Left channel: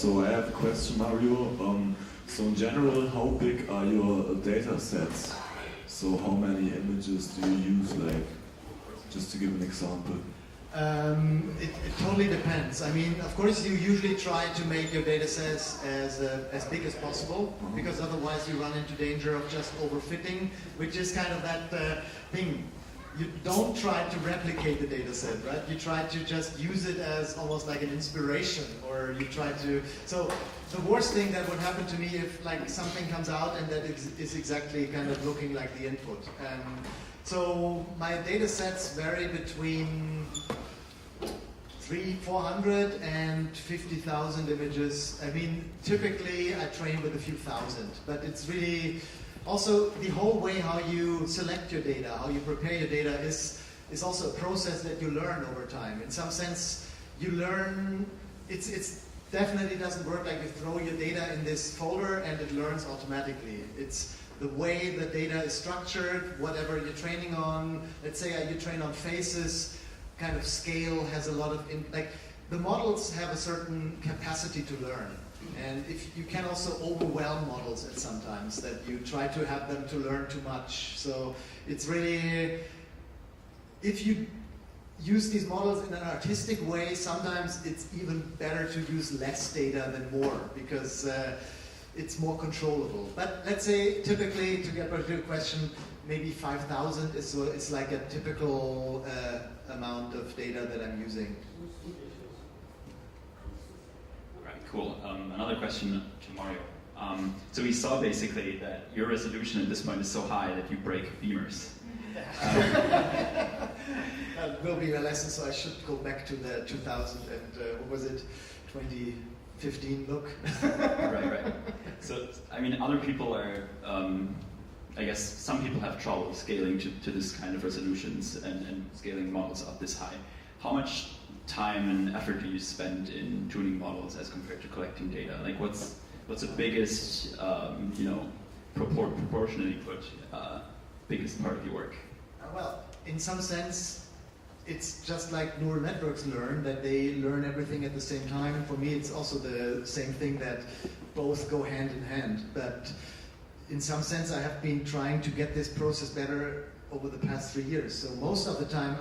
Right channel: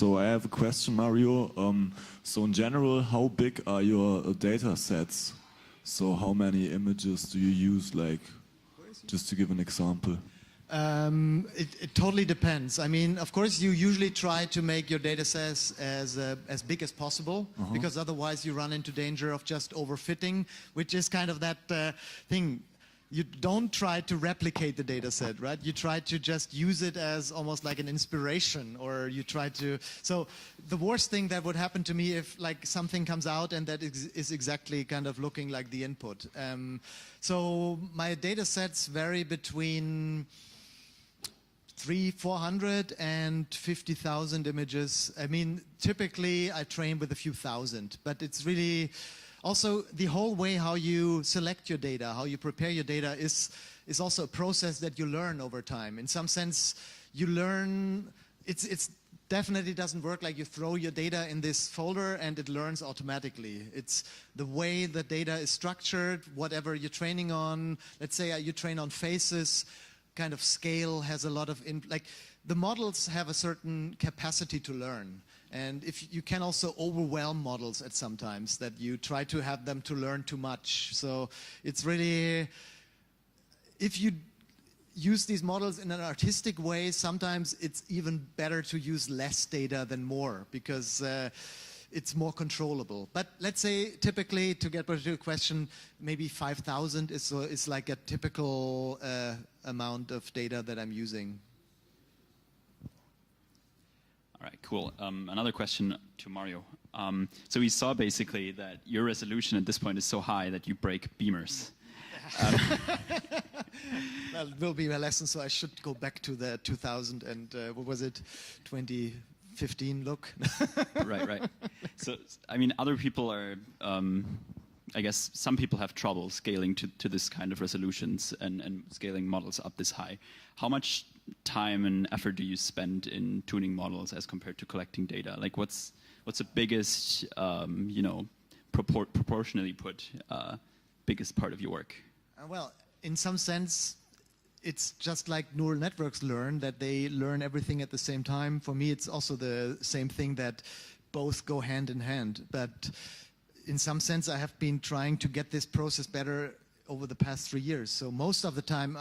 So I have a question, Mario. So in general, how big are your data sets? So how many images do you use, like, just to give an example? It totally depends. I mean, of course, you usually try to make your data sets as big as possible, because otherwise you run into danger of just overfitting, which is kind of that thing. You don't try to replicate the data set, right? You try to just use it as almost like an inspiration, or you try to... So the worst thing that would happen to me if like something comes out and that is exactly kind of looking like the input. So my data sets vary between 400 and 50,000 images. I mean, typically I train with a few thousand, but it's really also the whole way how you select your data, how you prepare your data is also a process that you learn over time. In some sense, you learn, it's definitely doesn't work like you throw your data in this folder and it learns automatically. It's the way the data is structured, whatever you're training on. Let's say you train on faces, kind of scale has a lot of, like the models have a certain capacity to learn. And if you can also overwhelm models at sometimes, that you try to have them to learn too much. So it's really, if you use these models in an artistic way, sometimes it's even better to use less data than more, because it's more controllable. But let's say typically, to get back to your question, maybe 5,000 is so it's like a typical amount of data that I'm using. Cool. Another question to Mario. So we saw basically that your resolution at this point is so high that you break beamers. That will be my lesson, so I should go back to the 2000 and what was it, 2015 look. Right. So, I mean, other people are, I guess some people have trouble scaling to this kind of resolutions and scaling models up this high. How much time and effort do you spend in tuning models as compared to collecting data? Like, what's the biggest, proportionally put, biggest part of your work? Well, in some sense, it's just like neural networks learn, that they learn everything at the same time. For me, it's also the same thing, that both go hand in hand. But in some sense, I have been trying to get this process better over the past 3 years. So most of the time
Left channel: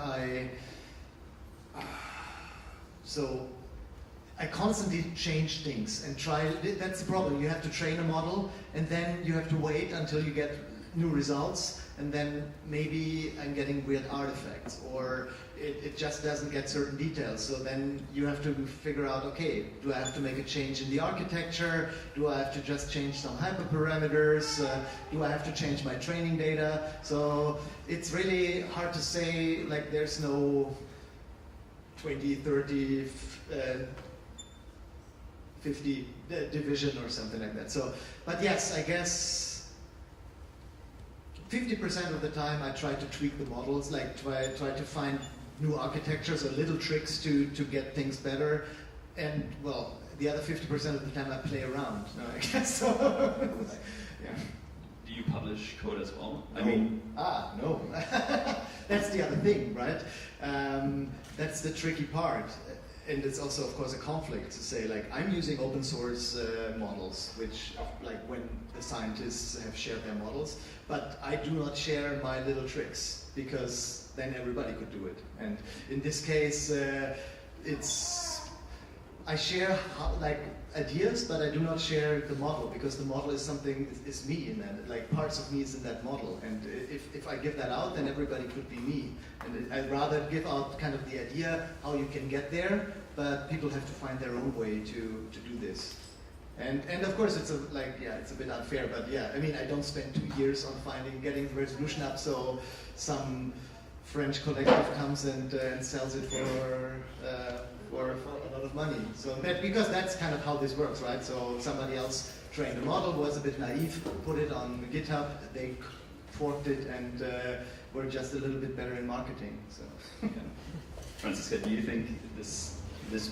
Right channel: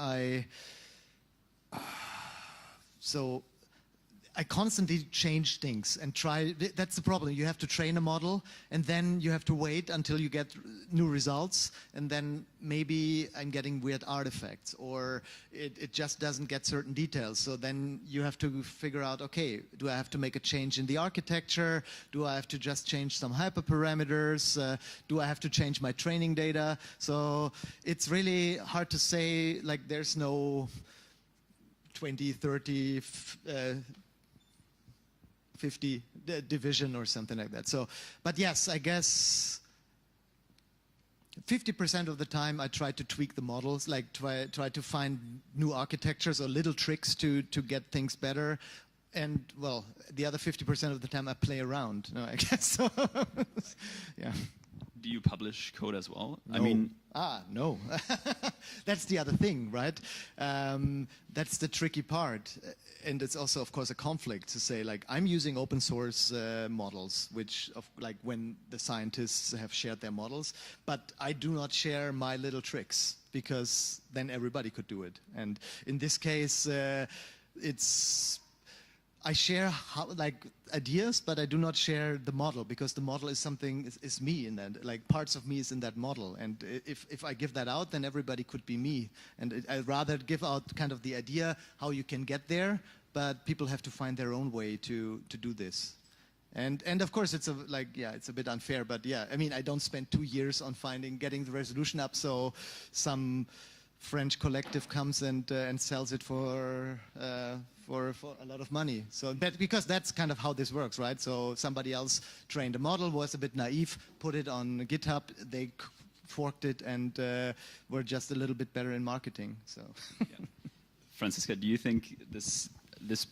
I constantly change things and try. That's the problem. You have to train a model, and then you have to wait until you get new results, and then maybe I'm getting weird artifacts, or it just doesn't get certain details. So then you have to figure out, okay, do I have to make a change in the architecture? Do I have to just change some hyperparameters? Do I have to change my training data? So it's really hard to say, like there's no 20, 30, 50 division or something like that. So, but yes, I guess 50% of the time I try to tweak the models, like try to find new architectures or little tricks to get things better. And well, the other 50% of the time I play around. No, I guess so. Yeah. Do you publish code as well? No. No. That's the other thing, right? That's the tricky part. And it's also, of course, a conflict to say, like, I'm using open source models, which, like, when the scientists have shared their models, but I do not share my little tricks, because then everybody could do it. And in this case, I share ideas, but I do not share the model, because the model is something, is me, and then like parts of me is in that model. And if I give that out, then everybody could be me. And I'd rather give out kind of the idea how you can get there, but people have to find their own way to do this. And of course it's it's a bit unfair, but yeah, I mean, I don't spend 2 years on getting the resolution up, so some French collective comes and sells it for a lot of money. So because that's kind of how this works, right? So somebody else trained a model, was a bit naive, put it on GitHub, they forked it, and were just a little bit better in marketing. So. Yeah. Franziska, do you think this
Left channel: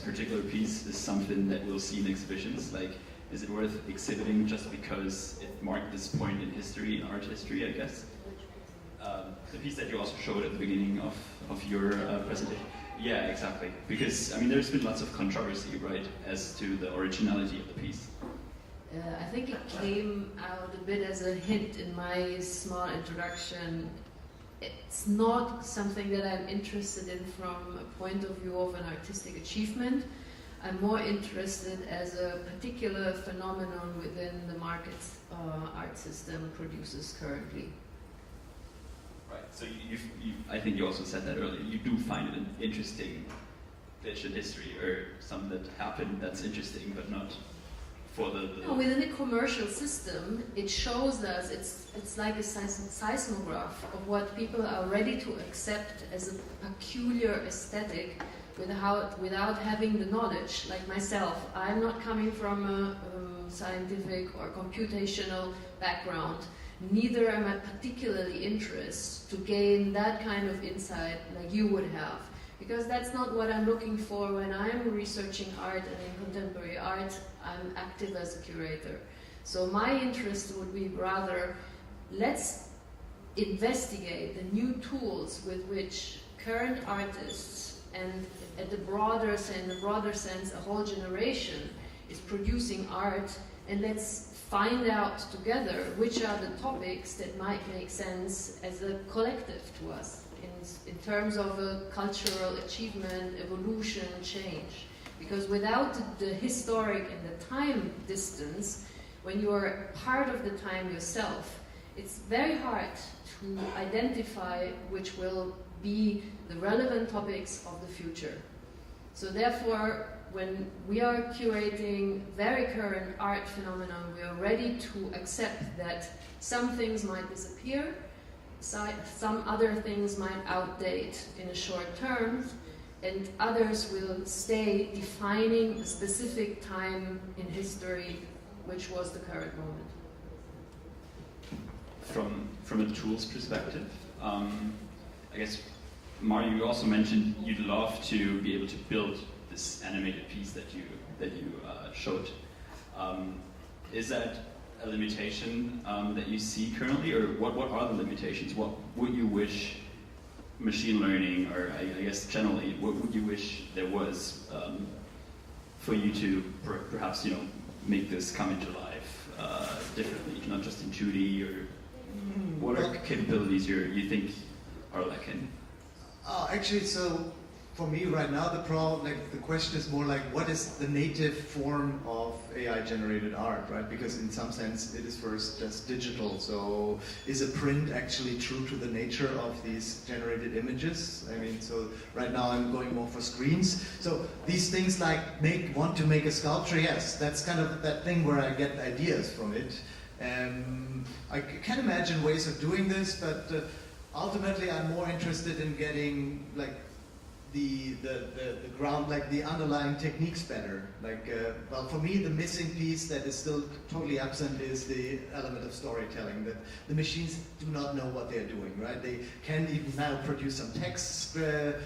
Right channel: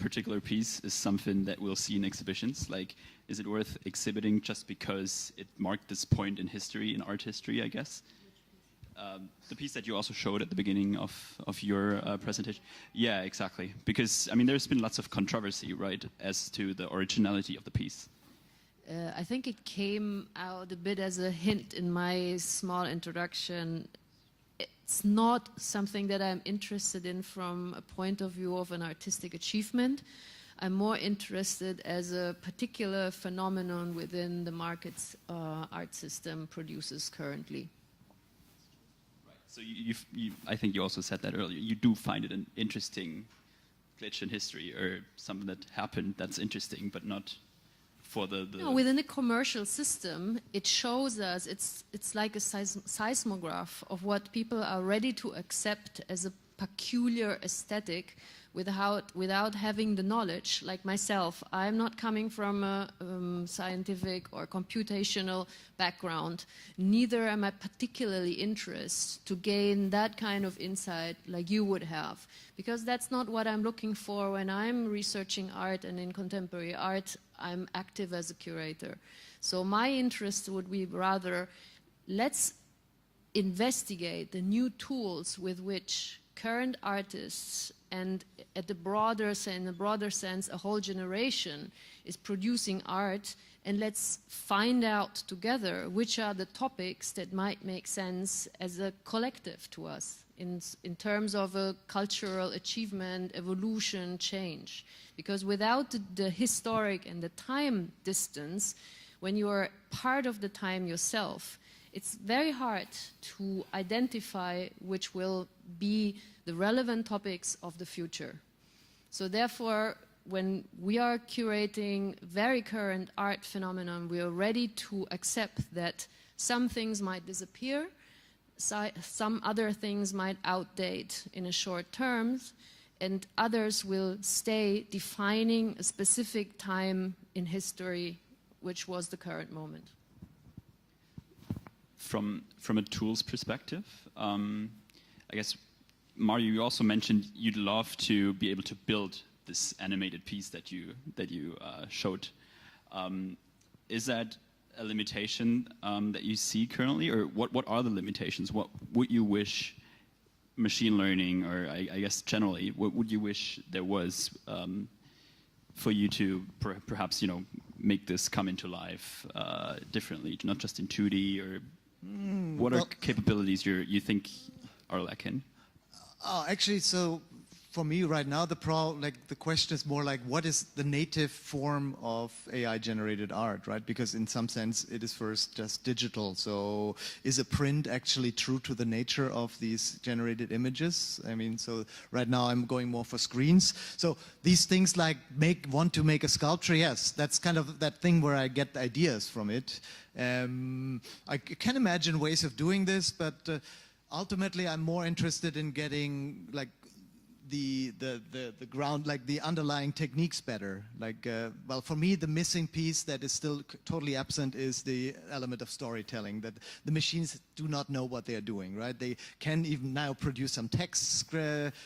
particular piece is something that we'll see in exhibitions? Like, is it worth exhibiting just because it marked this point in history, in art history, I guess? The piece that you also showed at the beginning of your presentation. Yeah, exactly. Because, I mean, there's been lots of controversy, right, as to the originality of the piece. I think it came out a bit as a hint in my small introduction. It's not something that I'm interested in from a point of view of an artistic achievement. I'm more interested as a particular phenomenon within the market's art system produces currently. Right. So I think you also said that earlier. You do find it an interesting glitch in history, or something that happened that's interesting, but not for the. No, within the commercial system, it shows us it's like a seismograph of what people are ready to accept as a peculiar aesthetic without having the knowledge. Like myself, I'm not coming from a scientific or computational background. Neither am I particularly interested to gain that kind of insight like you would have. Because that's not what I'm looking for when I'm researching art, and in contemporary art, I'm active as a curator. So my interest would be rather, let's investigate the new tools with which current artists and in the broader sense, a whole generation is producing art, and let's find out together which are the topics that might make sense as a collective to us in terms of a cultural achievement, evolution, change. Because without the historic and the time distance, when you are part of the time yourself, it's very hard to identify which will be the relevant topics of the future. So therefore, when we are curating very current art phenomena, we are ready to accept that some things might disappear, some other things might outdate in a short term, and others will stay defining a specific time in history, which was the current moment. From a tools perspective, I guess, Mario, you also mentioned you'd love to be able to build this animated piece that you showed. Is that a limitation that you see currently, or what are the limitations? What would you wish machine learning, or I guess generally, what would you wish there was for you to perhaps make this come into life differently, not just in 2D, or what are capabilities you think are lacking? Actually, so for me right now, the question is more like, what is the native form of AI-generated art, right? Because in some sense, it is first just digital. So is a print actually true to the nature of these generated images? I mean, so right now I'm going more for screens. So these things like want to make a sculpture, yes, that's kind of that thing where I get ideas from it. I can imagine ways of doing this, but ultimately I'm more interested in getting like the ground, like the underlying techniques better. Like, well, for me, the missing piece that is still totally absent is the element of storytelling, that the machines do not know what they're doing, right? They can even now produce some text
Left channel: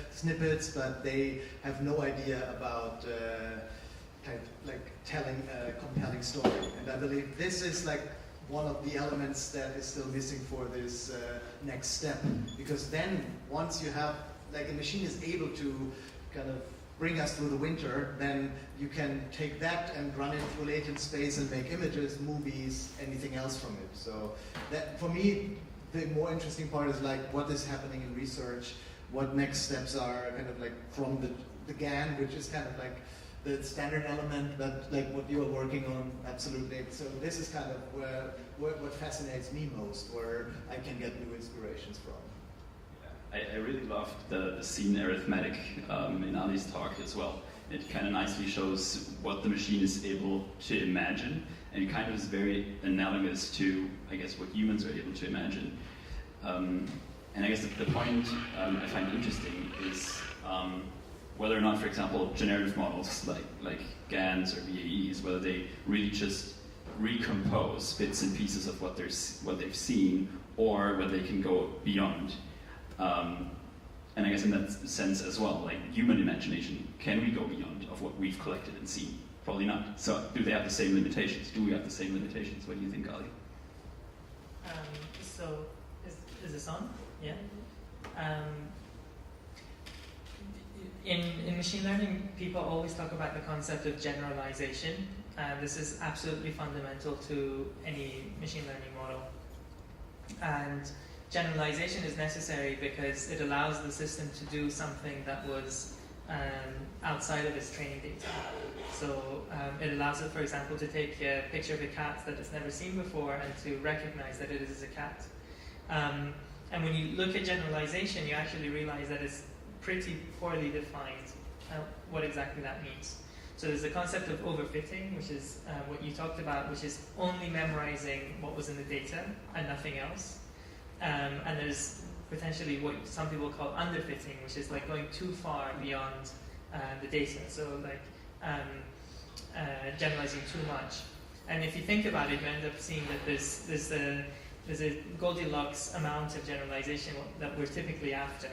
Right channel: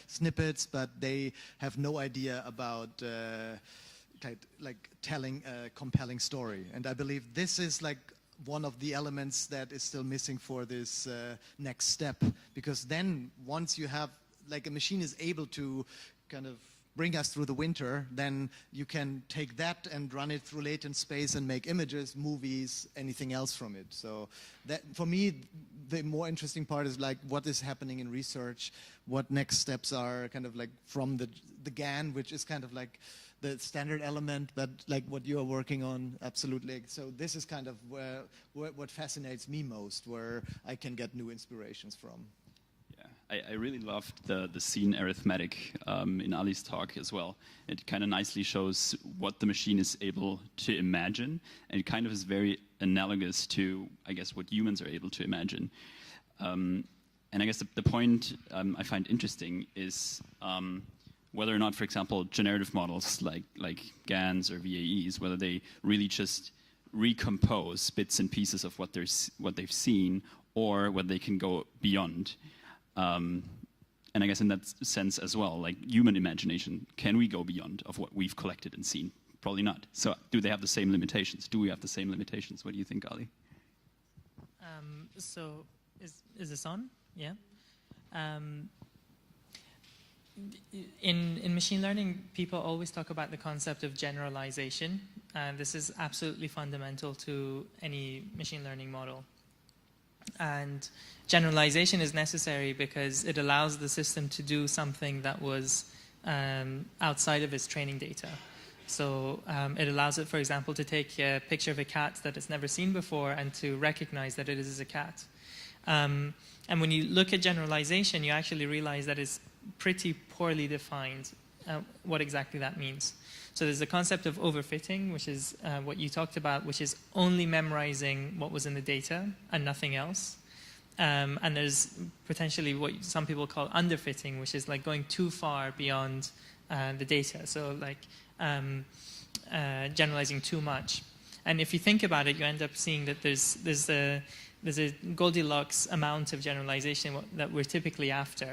snippets, but they have no idea about telling a compelling story. And I believe this is like one of the elements that is still missing for this next step. Because then, once you have, like a machine is able to kind of bring us through the winter, then you can take that and run it through latent space and make images, movies, anything else from it. So that, for me, the more interesting part is like what is happening in research, what next steps are kind of like from the GAN, which is kind of like the standard element, but like what you are working on, absolutely. So this is kind of what fascinates me most, where I can get new inspirations from. I really loved the scene arithmetic in Ali's talk as well. It kind of nicely shows what the machine is able to imagine, and it kind of is very analogous to, I guess, what humans are able to imagine. And I guess the point I find interesting is whether or not, for example, generative models like GANs or VAEs, whether they really just recompose bits and pieces of what they've seen, or whether they can go beyond. And I guess in that sense as well, like human imagination, can we go beyond of what we've collected and seen? Probably not. So do they have the same limitations? Do we have the same limitations? What do you think, Ali? So is this on? Yeah. in machine learning, people always talk about the concept of generalization. This is absolutely fundamental to any machine learning model. And generalization is necessary because it allows the system to do something that was outside of its training data. So it allows it, for example, to take a picture of a cat that it's never seen before and to recognize that it is a cat. And when you look at generalization, you actually realize that it's pretty poorly defined what exactly that means. So there's the concept of overfitting, which is what you talked about, which is only memorizing what was in the data and nothing else. And there's potentially what some people call underfitting, which is like going too far beyond the data. So like generalizing too much. And if you think about it, you end up seeing that there's a Goldilocks amount of generalization that we're typically after.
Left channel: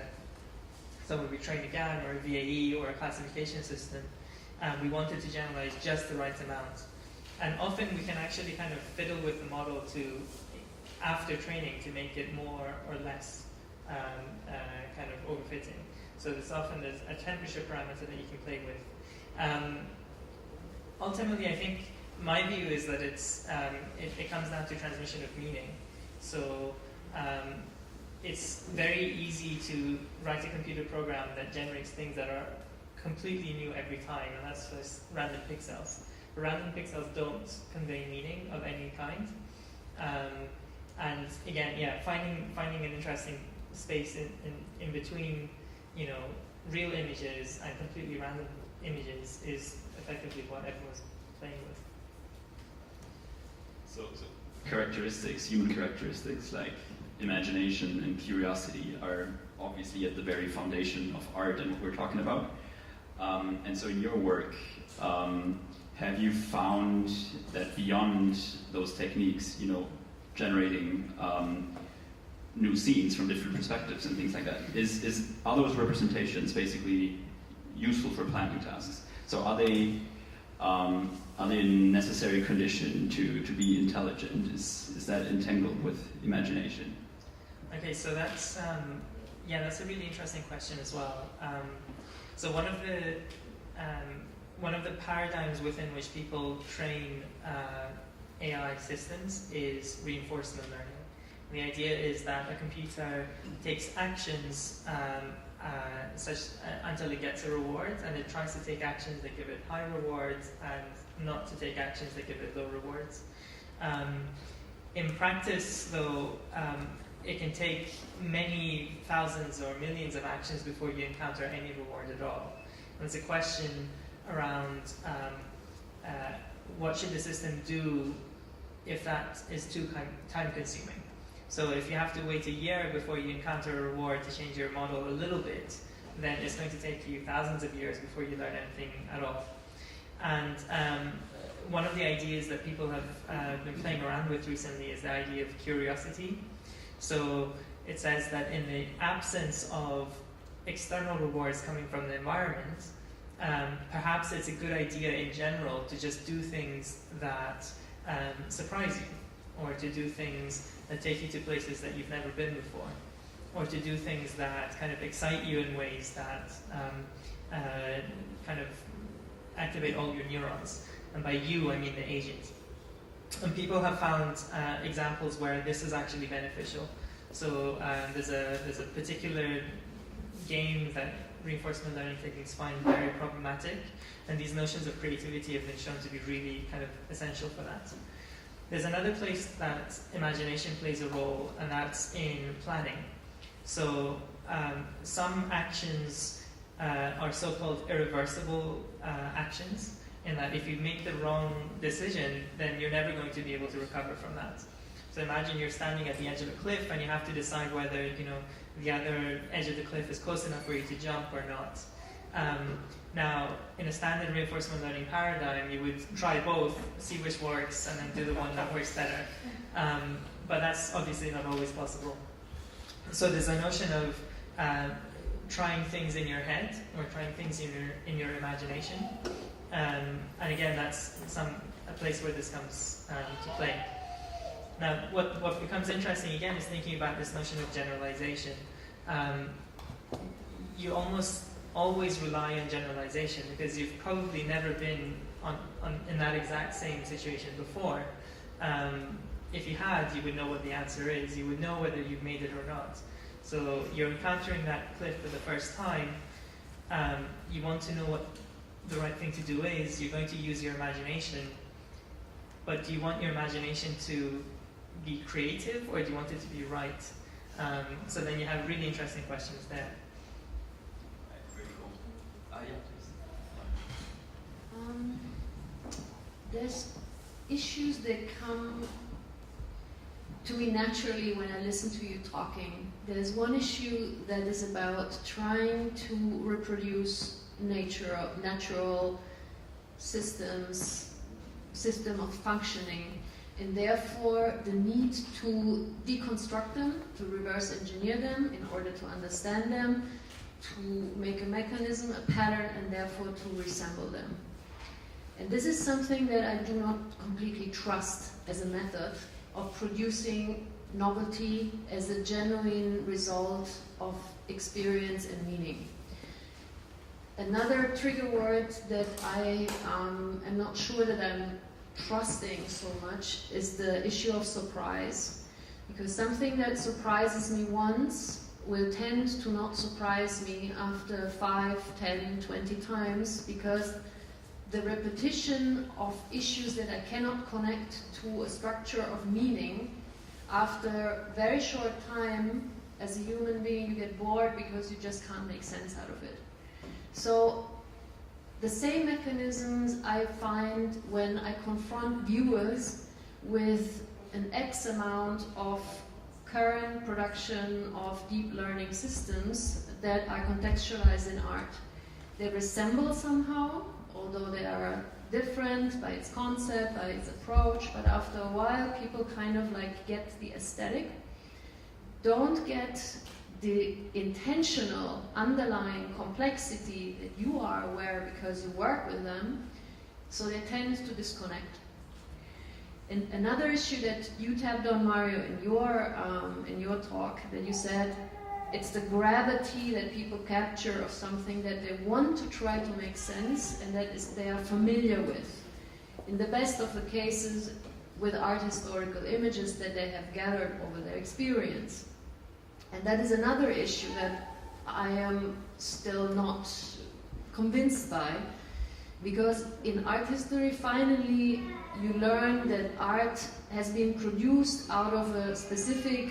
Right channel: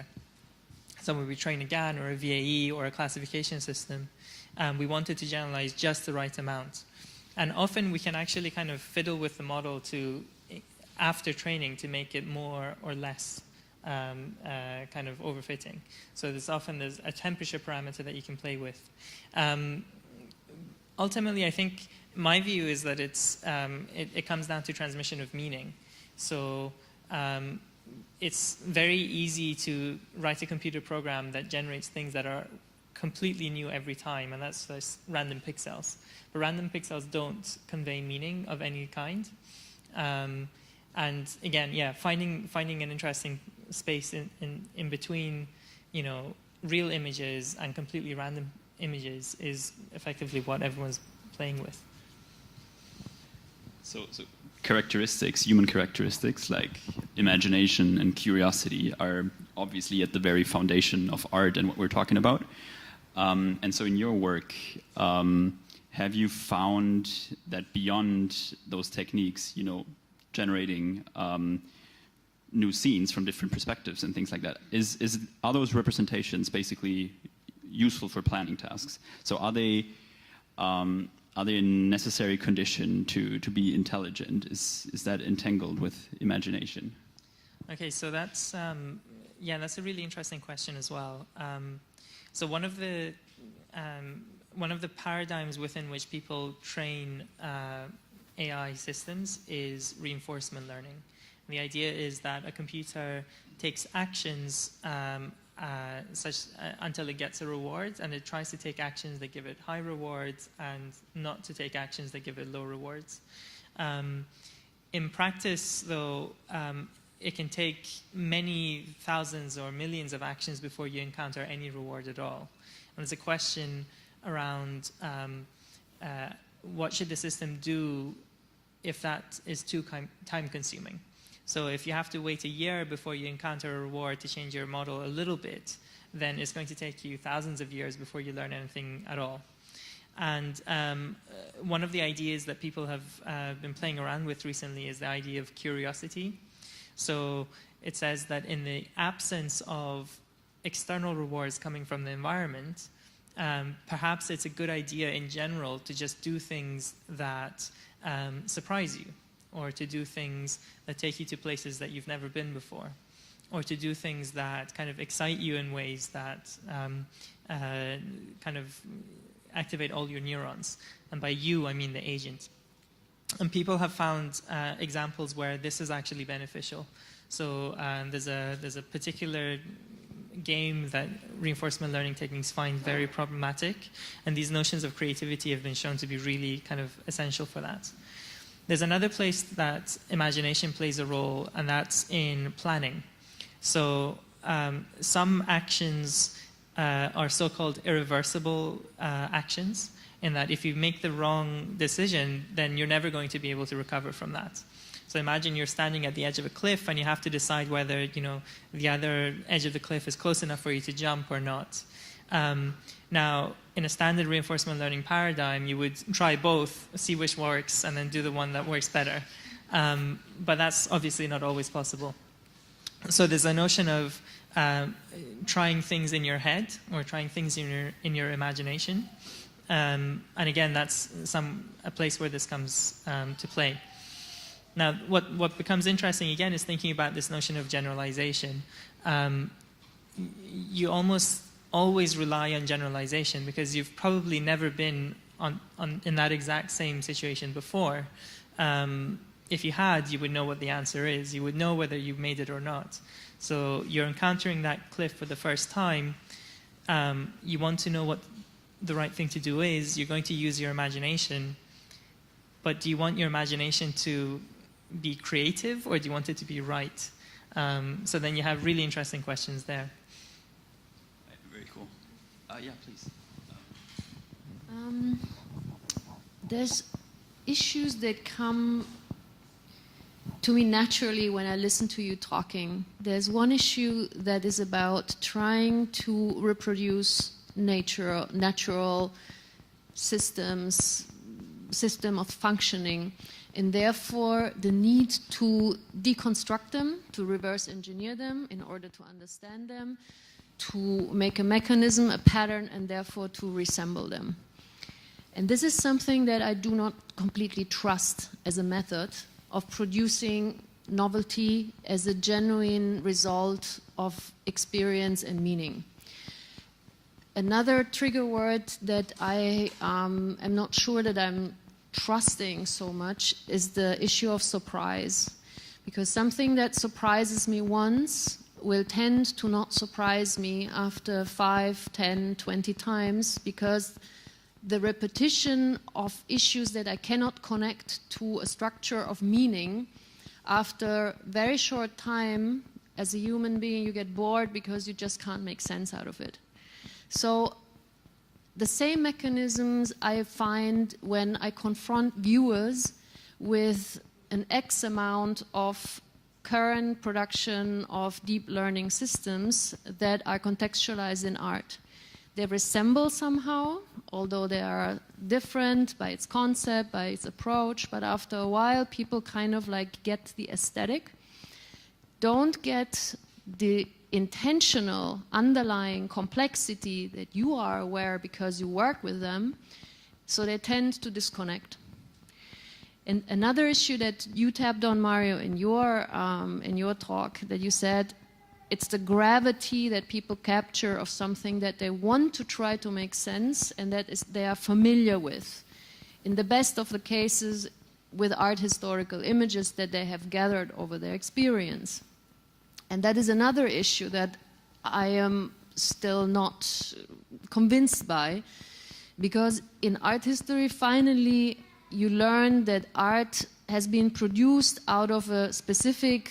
So when we train a GAN or a VAE or a classification system, we wanted to generalize just the right amount. And often we can actually kind of fiddle with the model to, after training, to make it more or less kind of overfitting. So there's a temperature parameter that you can play with. Ultimately, I think my view is that it comes down to transmission of meaning. So it's very easy to write a computer program that generates things that are completely new every time, and that's just random pixels. But random pixels don't convey meaning of any kind. And again, finding an interesting space in between, real images and completely random images is effectively what everyone's playing with. So human characteristics like imagination and curiosity are obviously at the very foundation of art and what we're talking about. And so in your work, have you found that beyond those techniques, generating new scenes from different perspectives and things like that, are those representations basically useful for planning tasks? So are they a necessary condition to be intelligent? Is that entangled with imagination? Okay, so that's a really interesting question as well. So one of the paradigms within which people train AI systems is reinforcement learning. The idea is that a computer takes actions until it gets a reward, and it tries to take actions that give it high rewards and not to take actions that give it low rewards. In practice, though, it can take many thousands or millions of actions before you encounter any reward at all. And it's a question around what should the system do if that is too time-consuming. So if you have to wait a year before you encounter a reward to change your model a little bit, then it's going to take you thousands of years before you learn anything at all. And one of the ideas that people have been playing around with recently is the idea of curiosity. So it says that in the absence of external rewards coming from the environment, perhaps it's a good idea in general to just do things that surprise you, or to do things that take you to places that you've never been before, or to do things that kind of excite you in ways that kind of activate all your neurons. And by you, I mean the agent. And people have found examples where this is actually beneficial. So there's a particular game that reinforcement learning techniques find very problematic, and these notions of creativity have been shown to be really kind of essential for that. There's another place that imagination plays a role, and that's in planning. So some actions are so-called irreversible actions, in that if you make the wrong decision, then you're never going to be able to recover from that. So imagine you're standing at the edge of a cliff and you have to decide whether the other edge of the cliff is close enough for you to jump or not. Now, in a standard reinforcement learning paradigm, you would try both, see which works, and then do the one that works better. But that's obviously not always possible. So there's a notion of trying things in your head or trying things in your imagination. And again, that's a place where this comes to play. Now, what becomes interesting again is thinking about this notion of generalization. You almost always rely on generalization, because you've probably never been in that exact same situation before. If you had, you would know what the answer is. You would know whether you've made it or not. So you're encountering that cliff for the first time. You want to know what the right thing to do is. You're going to use your imagination. But do you want your imagination to be creative, or do you want it to be right? So then you have really interesting questions there. Very cool. Yeah, please. There's issues that come to me naturally when I listen to you talking. There's one issue that is about trying to reproduce natural system of functioning, and therefore the need to deconstruct them, to reverse engineer them in order to understand them, to make a mechanism, a pattern, and therefore to reassemble them. And this is something that I do not completely trust as a method of producing novelty as a genuine result of experience and meaning. Another trigger word that I am not sure that I'm trusting so much is the issue of surprise. Because something that surprises me once will tend to not surprise me after 5, 10, 20 times, because the repetition of issues that I cannot connect to a structure of meaning, after very short time, as a human being, you get bored because you just can't make sense out of it. So the same mechanisms I find when I confront viewers with an X amount of current production of deep learning systems that I contextualize in art. They resemble somehow, although they are different by its concept, by its approach, but after a while people kind of like get the aesthetic, don't get the intentional underlying complexity that you are aware because you work with them, so they tend to disconnect. And another issue that you tapped on, Mario, in your talk, that you said it's the gravity that people capture of something that they want to try to make sense and that they are familiar with. In the best of the cases, with art historical images that they have gathered over their experience. And that is another issue that I am still not convinced by, because in art history, finally, you learn that art has been produced out of a specific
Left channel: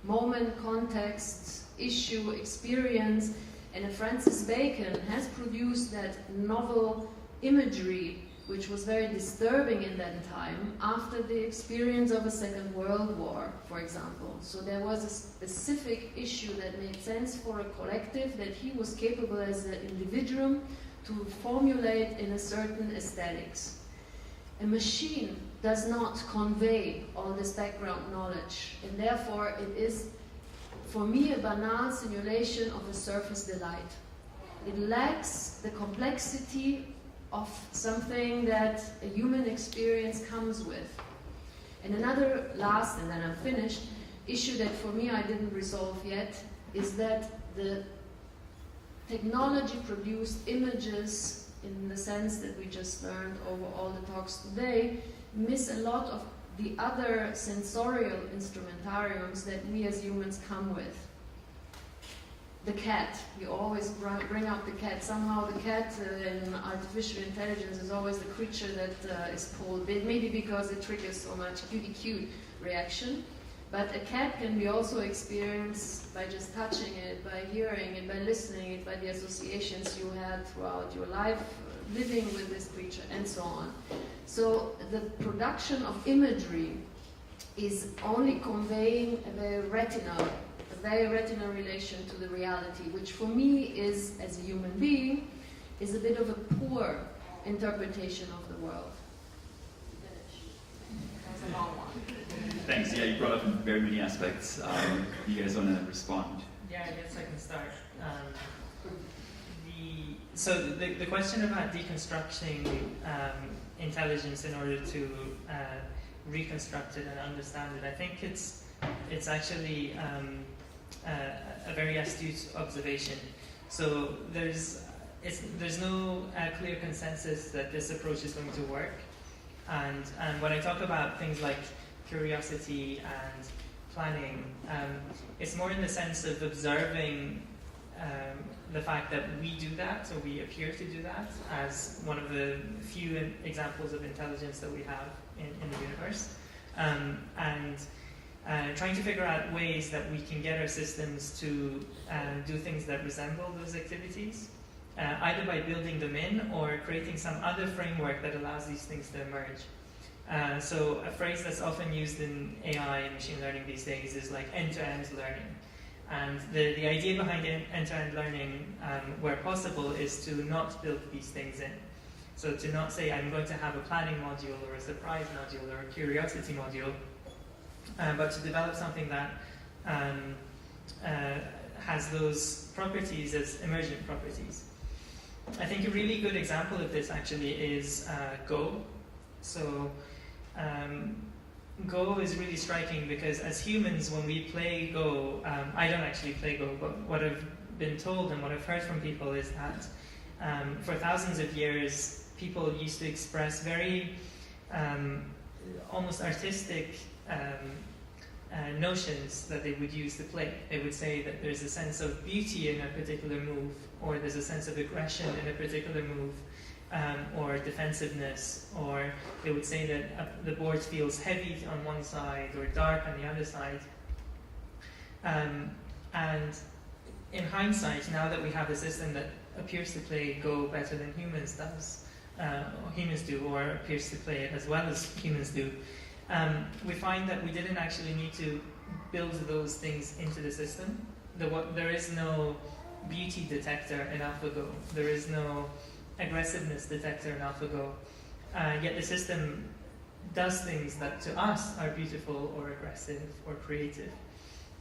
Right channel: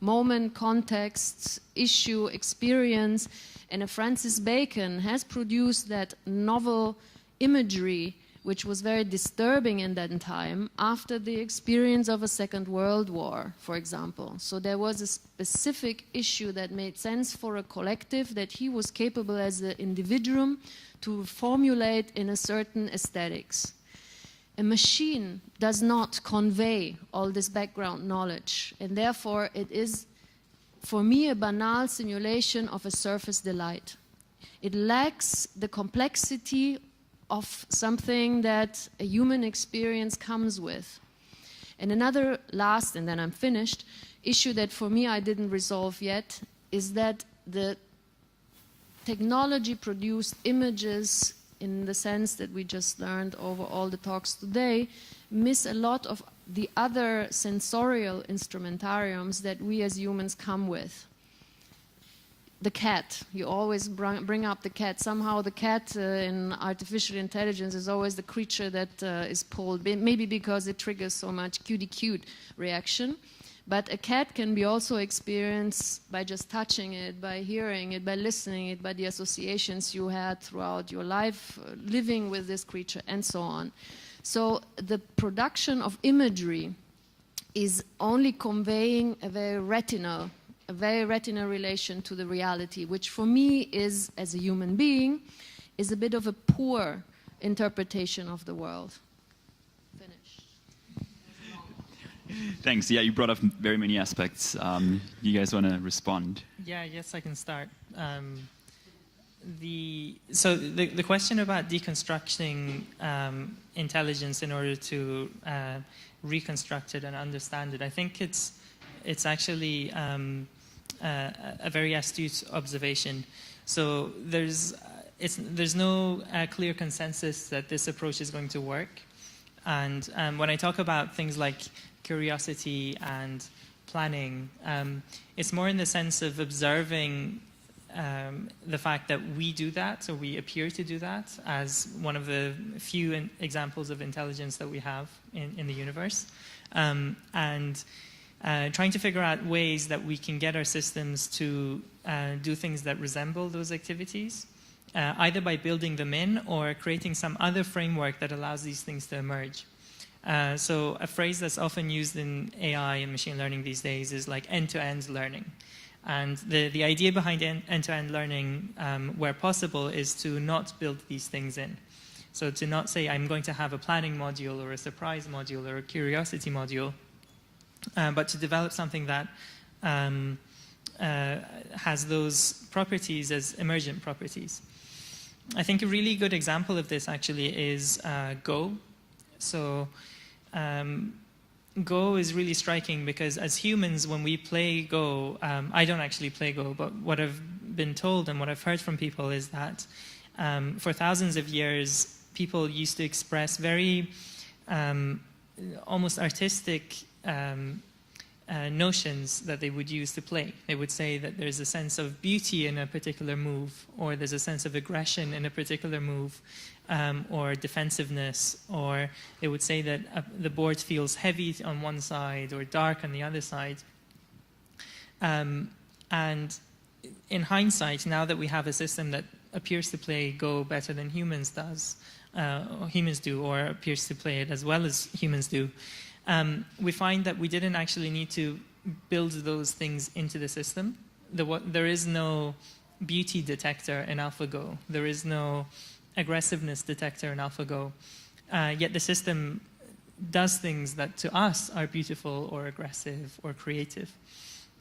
moment, context, issue, experience, and Francis Bacon has produced that novel imagery, which was very disturbing in that time, after the experience of a Second World War, for example. So there was a specific issue that made sense for a collective, that he was capable as an individual to formulate in a certain aesthetics. A machine does not convey all this background knowledge, and therefore it is, for me, a banal simulation of a surface delight. It lacks the complexity of something that a human experience comes with. And another last, and then I'm finished, issue that for me I didn't resolve yet is that the technology-produced images, in the sense that we just learned over all the talks today, miss a lot of the other sensorial instrumentariums that we as humans come with. The cat, you always bring up the cat. Somehow the cat in artificial intelligence is always the creature that is pulled, maybe because it triggers so much cutie cute reaction. But a cat can be also experienced by just touching it, by hearing it, by listening it, by the associations you had throughout your life, living with this creature, and so on. So the production of imagery is only conveying a very retinal relation to the reality, which for me is, as a human being, is a bit of a poor interpretation of the world. Thanks. Yeah, you brought up very many aspects. You guys want to respond? Yeah, I guess I can start. The question about deconstructing intelligence in order to reconstruct it and understand it, I think it's actually a very astute observation. So there's no clear consensus that this approach is going to work. And when I talk about things like curiosity and planning, it's more in the sense of observing the fact that we do that, or we appear to do that, as one of the few examples of intelligence that we have in the universe. And trying to figure out ways that we can get our systems to do things that resemble those activities, either by building them in or creating some other framework that allows these things to emerge. So a phrase that's often used in AI and machine learning these days is like end-to-end learning. And the idea behind end-to-end learning, where possible, is to not build these things in. So to not say, I'm going to have a planning module or a surprise module or a curiosity module, but to develop something that has those properties as emergent properties. I think a really good example of this actually is Go. So Go is really striking because as humans, when we play Go, I don't actually play Go, but what I've been told and what I've heard from people is that for thousands of years, people used to express very almost artistic notions that they would use to play. They would say that there's a sense of beauty in a particular move, or there's a sense of aggression in a particular move, or defensiveness, or they would say that the board feels heavy on one side or dark on the other side. And in hindsight, now that we have a system that appears to play Go better than humans do, or appears to play it as well as humans do, we find that we didn't actually need to build those things into the system. There is no beauty detector in AlphaGo. There is no aggressiveness detector in AlphaGo. Yet the system does things that to us are beautiful or aggressive or creative.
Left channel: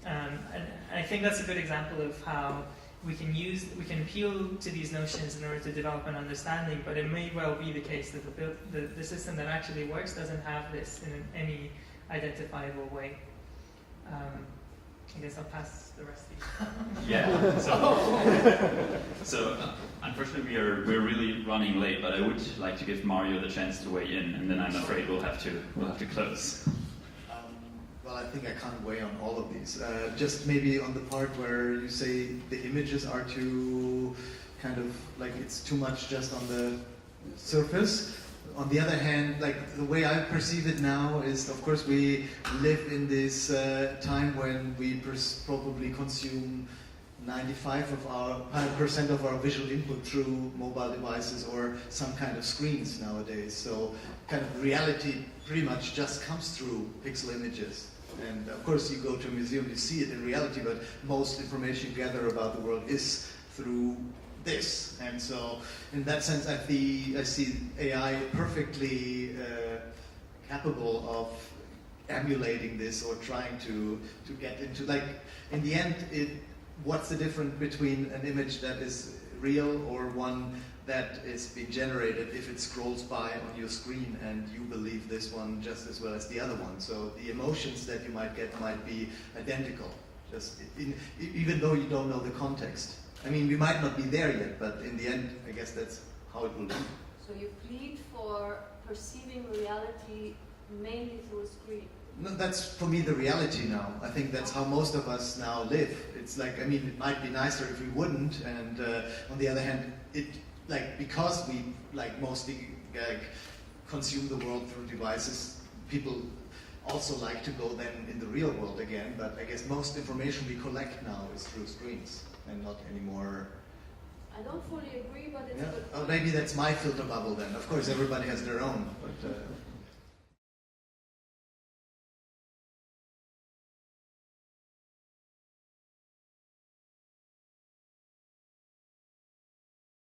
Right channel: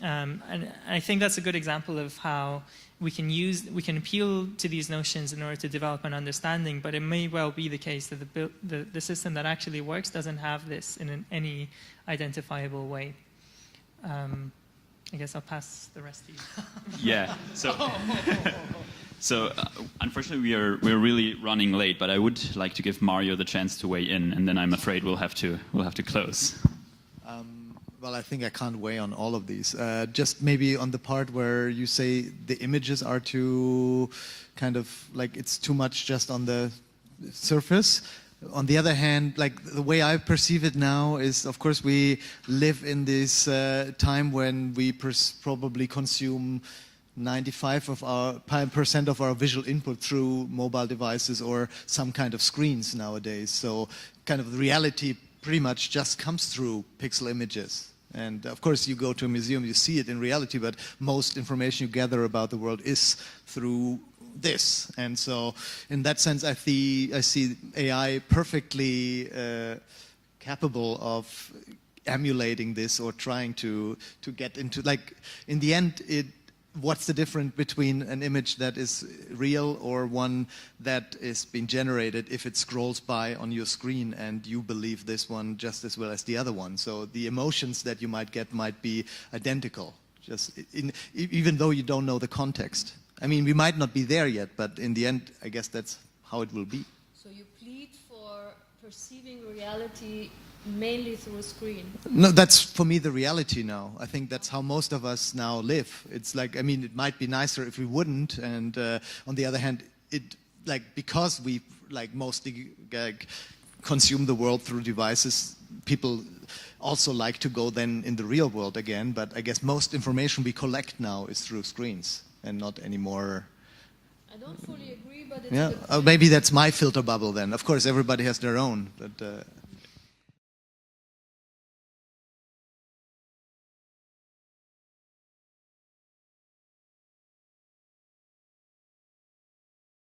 And I think that's a good example of how we can appeal to these notions in order to develop an understanding, but it may well be the case that the system that actually works doesn't have this in any identifiable way. I guess I'll pass the rest to you. Yeah. So unfortunately we're really running late, but I would like to give Mario the chance to weigh in, and then I'm afraid we'll have to close. Well, I think I can't weigh on all of these. Just maybe on the part where you say the images are too kind of like it's too much just on the surface. On the other hand, like the way I perceive it now is, of course, we live in this time when we probably consume 95% of our visual input through mobile devices or some kind of screens nowadays. So kind of reality pretty much just comes through pixel images. And of course, you go to a museum, you see it in reality, but most information you gather about the world is through this. And so in that sense, I see AI perfectly capable of emulating this or trying to get into, like, in the end, what's the difference between an image that is real or one that is being generated if it scrolls by on your screen and you believe this one just as well as the other one? So the emotions that you might get might be identical, just even though you don't know the context. I mean, we might not be there yet, but in the end, I guess that's how it will be. So you plead for perceiving reality mainly through a screen? No, that's for me the reality now. I think that's how most of us now live. It's like, I mean, it might be nicer if we wouldn't, and on the other hand, because we mostly consume the world through devices, people also like to go then in the real world again. But I guess most information we collect now is through screens and not anymore. I don't fully agree, but it's yeah. Maybe that's my filter bubble then. Of course, everybody has their own. But